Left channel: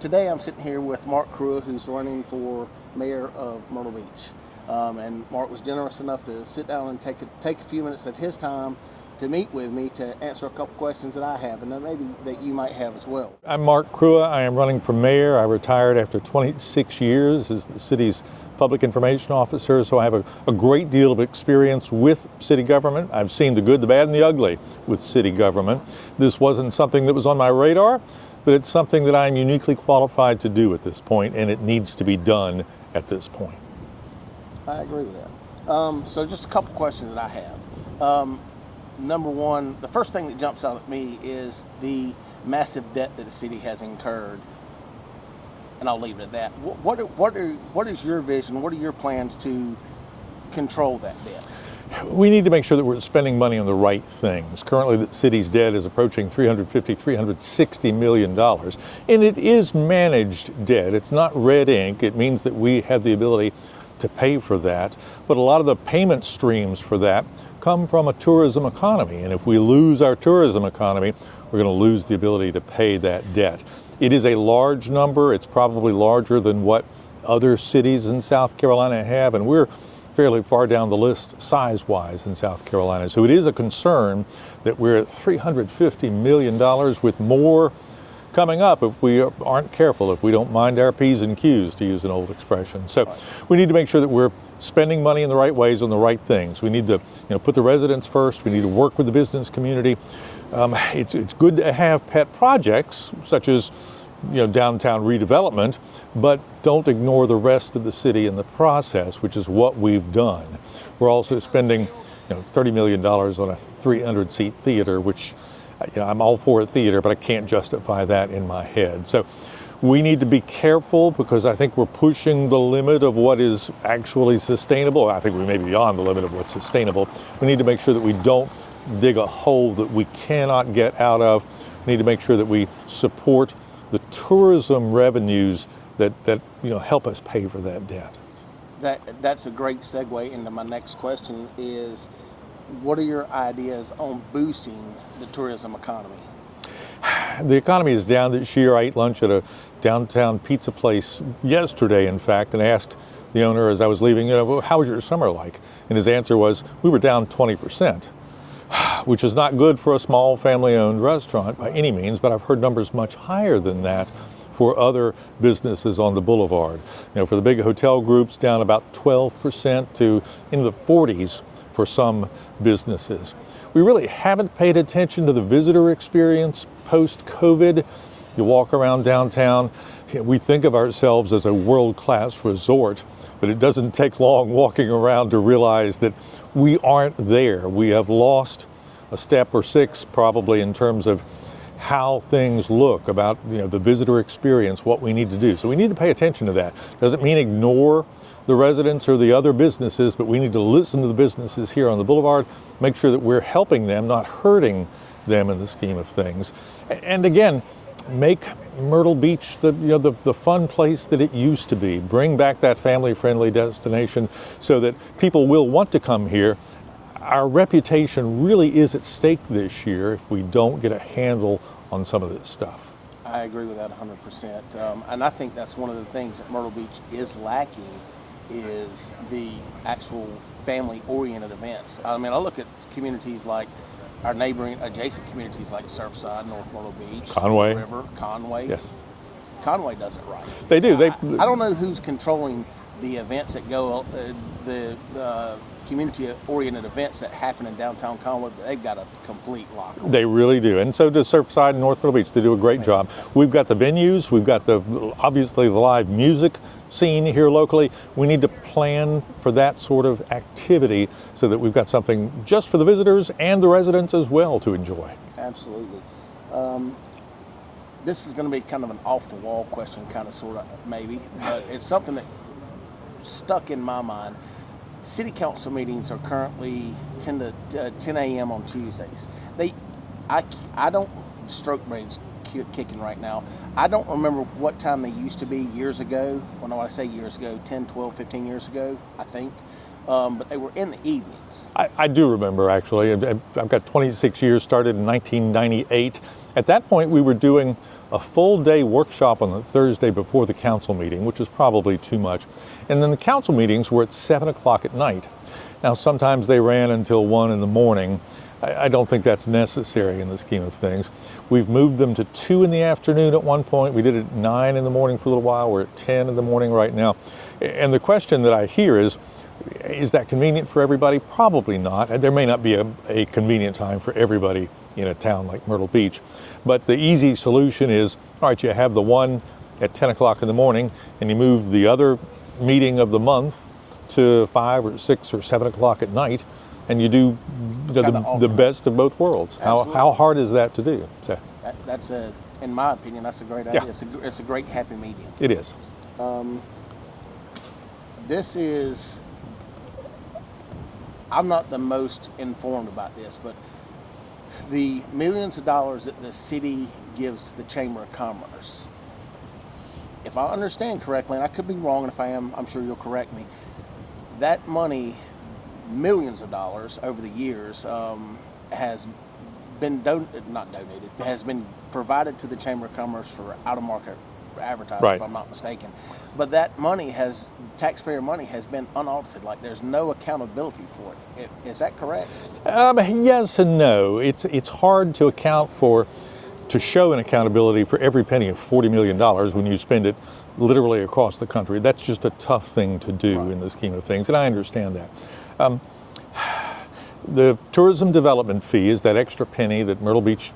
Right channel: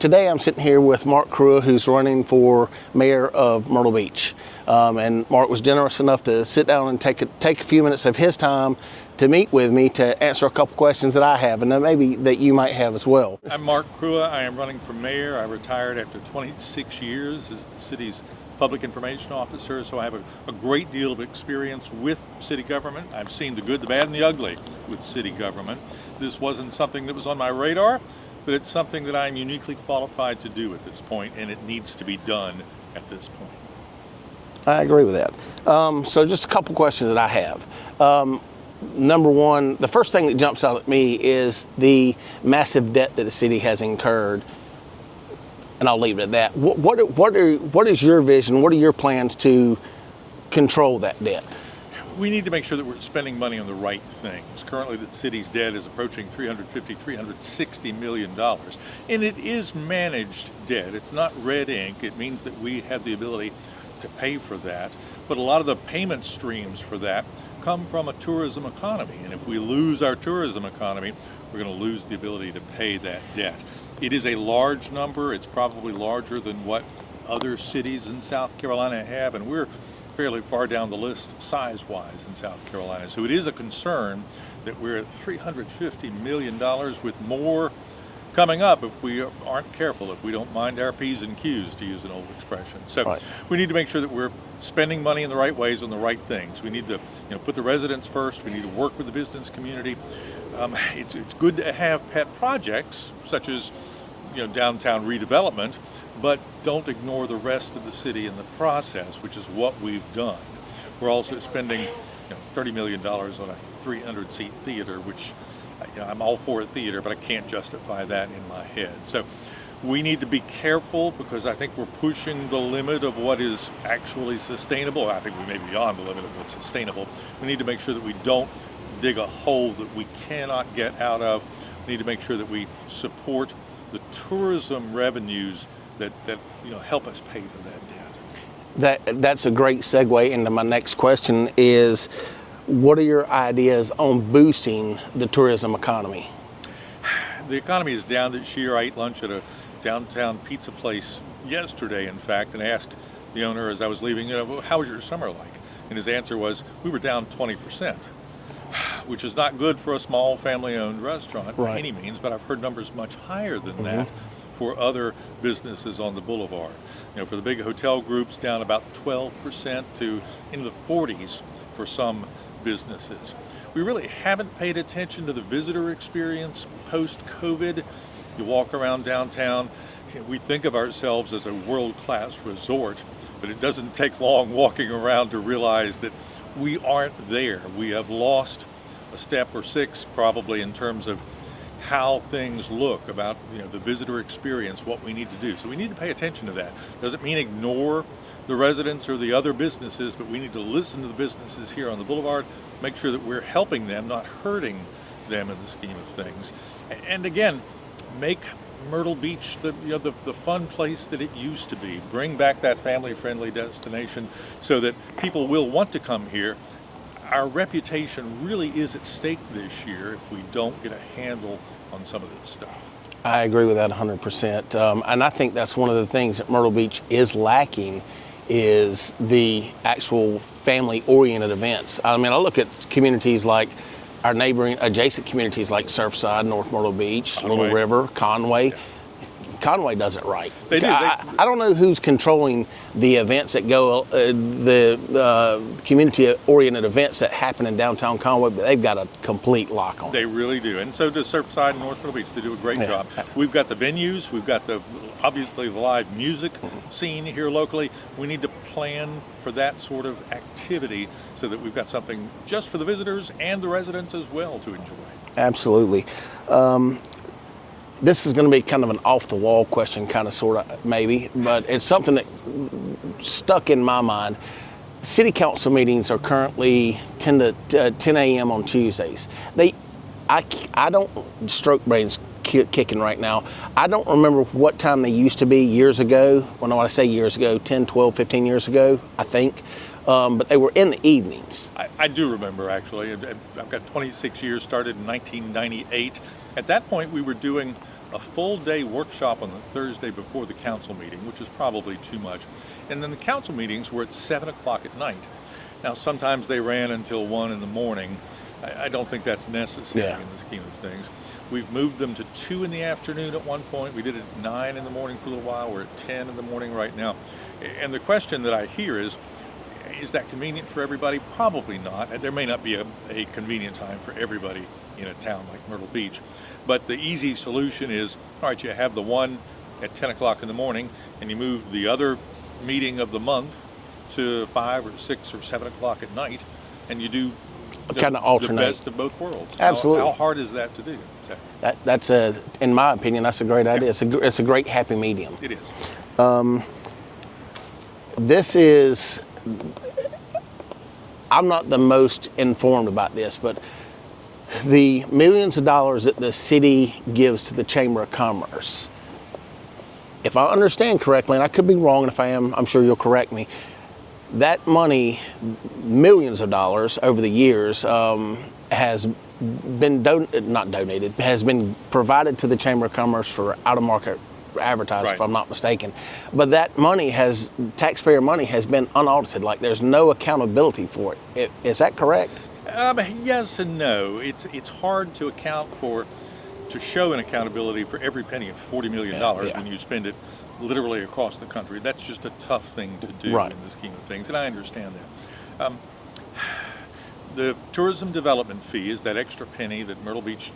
Today I'm sitting here with Mark Kruea, who's running for mayor of Myrtle Beach. And Mark was generous enough to sit down and take a few minutes of his time to meet with me to answer a couple questions that I have, and then maybe that you might have as well. I'm Mark Kruea. I am running for mayor. I retired after 26 years as the city's public information officer, so I have a great deal of experience with city government. I've seen the good, the bad, and the ugly with city government. This wasn't something that was on my radar, but it's something that I'm uniquely qualified to do at this point, and it needs to be done at this point. I agree with that. So just a couple questions that I have. Number one, the first thing that jumps out at me is the massive debt that the city has incurred, and I'll leave it at that. What is your vision? What are your plans to control that debt? We need to make sure that we're spending money on the right things. Currently, the city's debt is approaching $360 million, and it is managed debt. It's not red ink. It means that we have the ability to pay for that, but a lot of the payment streams for that come from a tourism economy, and if we lose our tourism economy, we're going to lose the ability to pay that debt. It is a large number. It's probably larger than what other cities in South Carolina have, and we're fairly far down the list size-wise in South Carolina. So it is a concern that we're at $350 million with more coming up if we aren't careful, if we don't mind our P's and Q's, to use an old expression. So right. We need to make sure that we're spending money in the right ways on the right things. We need to put the residents first. We need to work with the business community. It's good to have pet projects such as downtown redevelopment, but don't ignore the rest of the city in the process, which is what we've done. We're also spending $30 million on a 300-seat theater, which I'm all for a theater, but I can't justify that in my head. So we need to be careful because I think we're pushing the limit of what is actually sustainable. I think we may be beyond the limit of what's sustainable. We need to make sure that we don't dig a hole that we cannot get out of. We need to make sure that we support the tourism revenues that help us pay for that debt. That's a great segue into my next question is, what are your ideas on boosting the tourism economy? The economy is down this year. I ate lunch at a downtown pizza place yesterday, in fact, and asked the owner as I was leaving, how was your summer like? And his answer was, we were down 20%, which is not good for a small family-owned restaurant by any means, but I've heard numbers much higher than that for other businesses on the boulevard. For the big hotel groups, down about 12% to in the 40s for some businesses. We really haven't paid attention to the visitor experience post-COVID. You walk around downtown, we think of ourselves as a world-class resort, but it doesn't take long walking around to realize that we aren't there. We have lost a step or six probably in terms of how things look about the visitor experience, what we need to do. So we need to pay attention to that. Doesn't mean ignore the residents or the other businesses, but we need to listen to the businesses here on the boulevard, make sure that we're helping them, not hurting them in the scheme of things. And again, make Myrtle Beach the fun place that it used to be. Bring back that family-friendly destination so that people will want to come here. Our reputation really is at stake this year if we don't get a handle on some of this stuff. I agree with that 100%. And I think that's one of the things that Myrtle Beach is lacking is the actual family-oriented events. I mean, I look at communities like our neighboring adjacent communities like Surfside, North Myrtle Beach, Little River, Conway. Yes. Conway does it right. They do. I don't know who's controlling the events that go, the community-oriented events that happen in downtown Conway, but they've got a complete lock on. They really do, and so does Surfside and North Myrtle Beach. They do a great job. We've got the venues, we've got obviously the live music scene here locally. We need to plan for that sort of activity so that we've got something just for the visitors and the residents as well to enjoy. Absolutely. This is going to be kind of an off-the-wall question, kind of, sort of, maybe, but it's something that stuck in my mind. City council meetings are currently 10 a.m. on Tuesdays. I don't, stroke brain's kicking right now. I don't remember what time they used to be years ago. Well, when I say years ago, 10, 12, 15 years ago, I think. But they were in the evenings. I do remember, actually. I've got 26 years, started in 1998. At that point, we were doing a full day workshop on the Thursday before the council meeting, which is probably too much. And then the council meetings were at 7 o'clock at night. Now, sometimes they ran until 1 in the morning. I don't think that's necessary in the scheme of things. We've moved them to 2 in the afternoon at one point. We did it at 9 in the morning for a little while. We're at 10 in the morning right now. And the question that I hear is that convenient for everybody? Probably not. There may not be a convenient time for everybody in a town like Myrtle Beach. But the easy solution is, all right, you have the one at 10 o'clock in the morning, and you move the other meeting of the month to 5 or 6 or 7 o'clock at night, and you do the best of both worlds. Absolutely. How hard is that to do? So, that's in my opinion, that's a great idea. Yeah. It's a great happy medium. It is. This is, I'm not the most informed about this, but the millions of dollars that the city gives to the Chamber of Commerce, if I understand correctly, and I could be wrong, and if I am, I'm sure you'll correct me, that money, millions of dollars over the years, has been has been provided to the Chamber of Commerce for out-of-market advertising, right, if I'm not mistaken. But that money taxpayer money has been unaudited. Like, there's no accountability for it. Is that correct? Yes and no. It's hard to show an accountability for every penny of $40 million when you spend it literally across the country. That's just a tough thing to do in the scheme of things, and I understand that. The tourism development fee is that extra penny that Myrtle Beach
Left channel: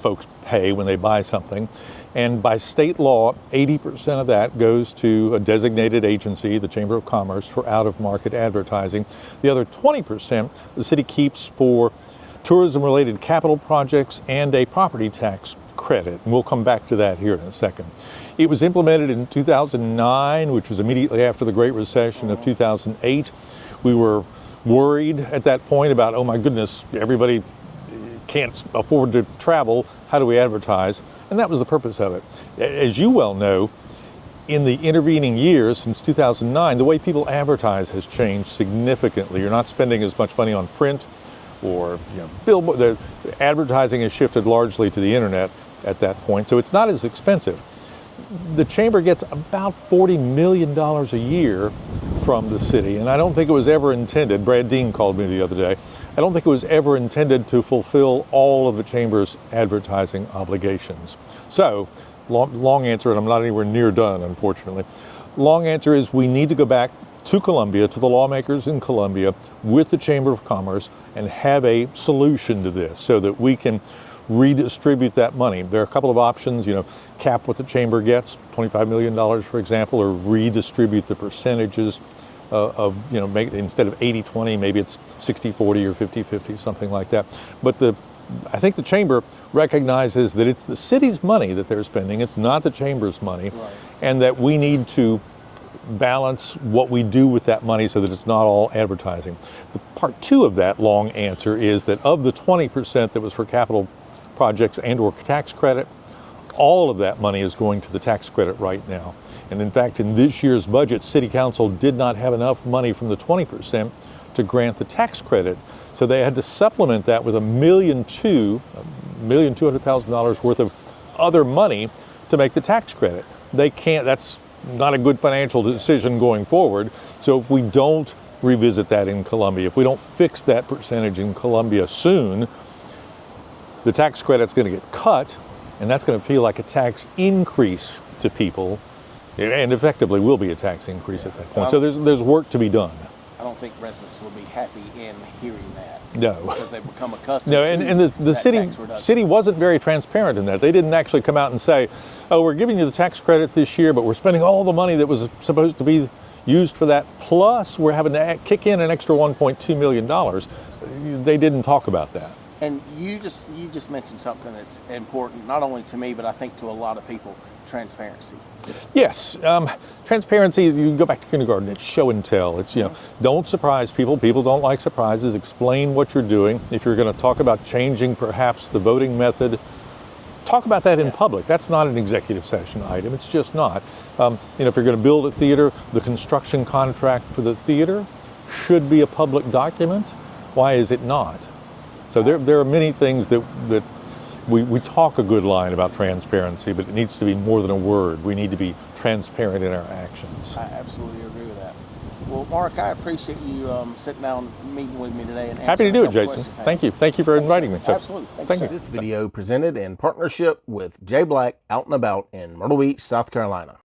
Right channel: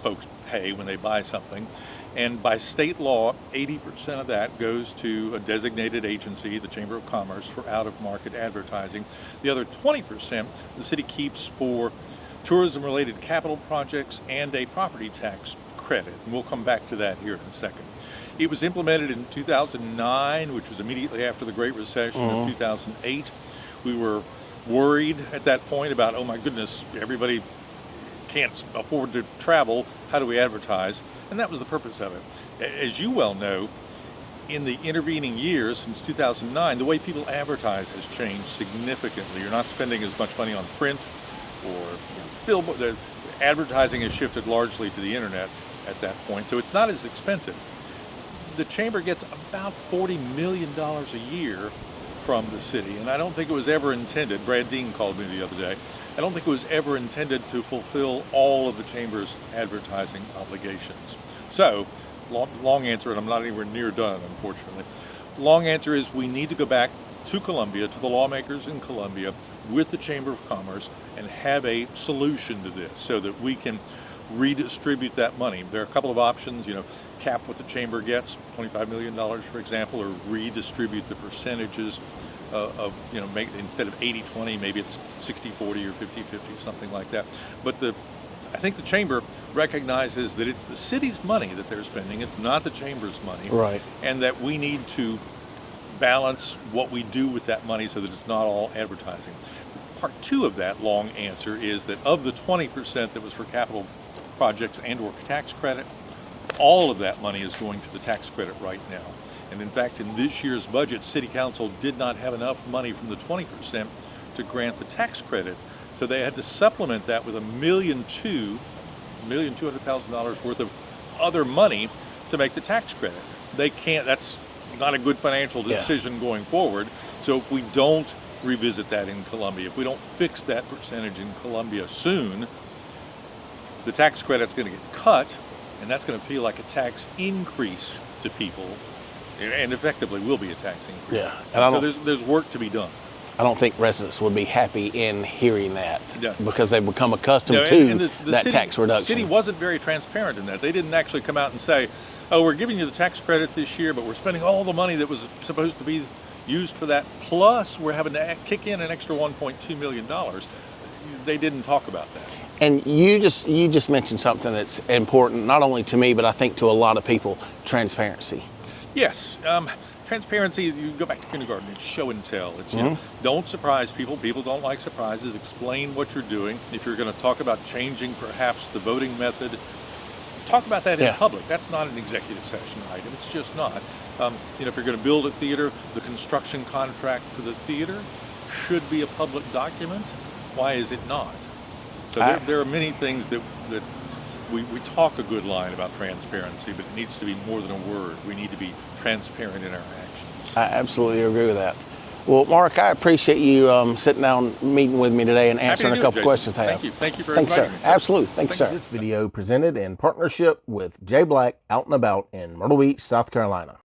folks pay when they buy something, and by state law, 80% of that goes to a designated agency, the Chamber of Commerce, for out-of-market advertising. The other 20% the city keeps for tourism-related capital projects and a property tax credit, and we'll come back to that here in a second. It was implemented in 2009, which was immediately after the Great Recession of 2008. We were worried at that point about, oh my goodness, everybody can't afford to travel, how do we advertise? And that was the purpose of it. As you well know, in the intervening years, since 2009, the way people advertise has changed significantly. You're not spending as much money on print or billboard. The advertising has shifted largely to the internet at that point, so it's not as expensive. The Chamber gets about $40 million a year from the city, and I don't think it was ever intended, Brad Dean called me the other day, I don't think it was ever intended to fulfill all of the Chamber's advertising obligations. So, long answer, and I'm not anywhere near done, unfortunately. Long answer is we need to go back to Columbia, to the lawmakers in Columbia, with the Chamber of Commerce, and have a solution to this so that we can redistribute that money. There are a couple of options, cap what the Chamber gets, $25 million, for example, or redistribute the percentages instead of 80-20, maybe it's 60-40 or 50-50, something like that. But I think the Chamber recognizes that it's the city's money that they're spending, it's not the Chamber's money, right, and that we need to balance what we do with that money so that it's not all advertising. The part two of that long answer is that of the 20% that was for capital projects and or tax credit, all of that money is going to the tax credit right now. And in fact, in this year's budget, City Council did not have enough money from the 20% to grant the tax credit. So they had to supplement that with $1,200,000 worth of other money to make the tax credit. They can't, that's not a good financial decision going forward. So if we don't revisit that in Columbia, if we don't fix that percentage in Columbia soon, the tax credit's going to get cut, and that's going to feel like a tax increase to people, and effectively will be a tax increase at that point. So there's work to be done. I don't think residents would be happy in hearing that, no, because they've become accustomed to that tax reduction. The city wasn't very transparent in that. They didn't actually come out and say, oh, we're giving you the tax credit this year, but we're spending all the money that was supposed to be used for that, plus we're having to kick in an extra $1.2 million. They didn't talk about that. And you just mentioned something that's important, not only to me, but I think to a lot of people: transparency. Yes, transparency. You go back to kindergarten. It's show and tell. It's don't surprise people. People don't like surprises. Explain what you're doing. If you're going to talk about changing perhaps the voting method, talk about that in public. That's not an executive session item. It's just not. If you're going to build a theater, the construction contract for the theater should be a public document. Why is it not? So there are many things that we talk a good line about transparency, but it needs to be more than a word. We need to be transparent in our actions. I absolutely agree with that. Well, Mark, I appreciate you sitting down, meeting with me today, and Happy to answering do a it, couple Jason. questions I have. Thank you. Thank you for Thanks, inviting sir. me. sir. Absolutely. Thanks, Thank sir. you. This video presented in partnership with Jay Black Out and About in Myrtle Beach, South Carolina.